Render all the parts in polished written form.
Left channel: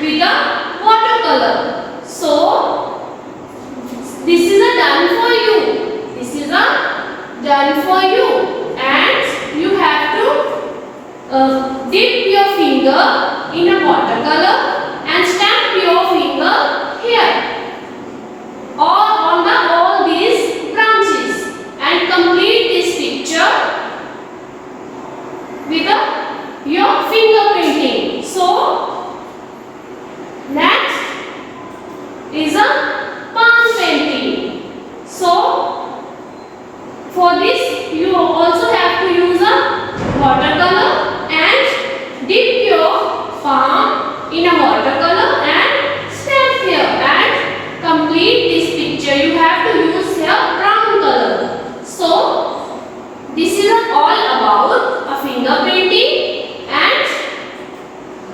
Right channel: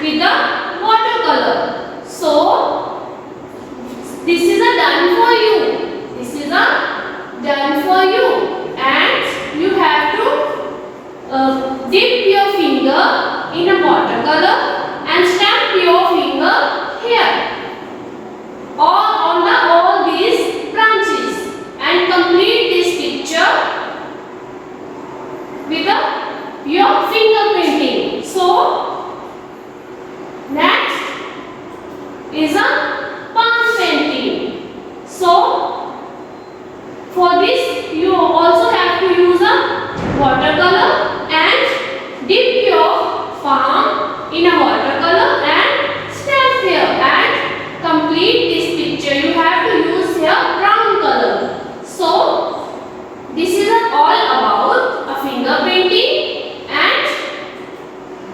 with the watercolor. So this is a done for you. This is a done for you, and you have to dip your finger in a watercolor and stamp your finger here or on all these branches and complete this picture with your fingerprinting. So next is a palm painting. So for this you also have to use a watercolor and dip your palm in a watercolor and stamp here and complete this picture. You have to use here brown color. So this is all about a finger painting and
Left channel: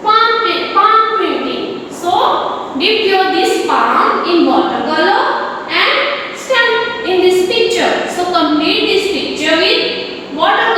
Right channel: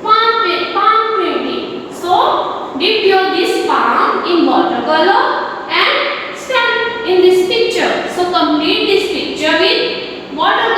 palm printing. So dip your this palm in watercolor and stamp in this picture. So complete this picture with watercolor.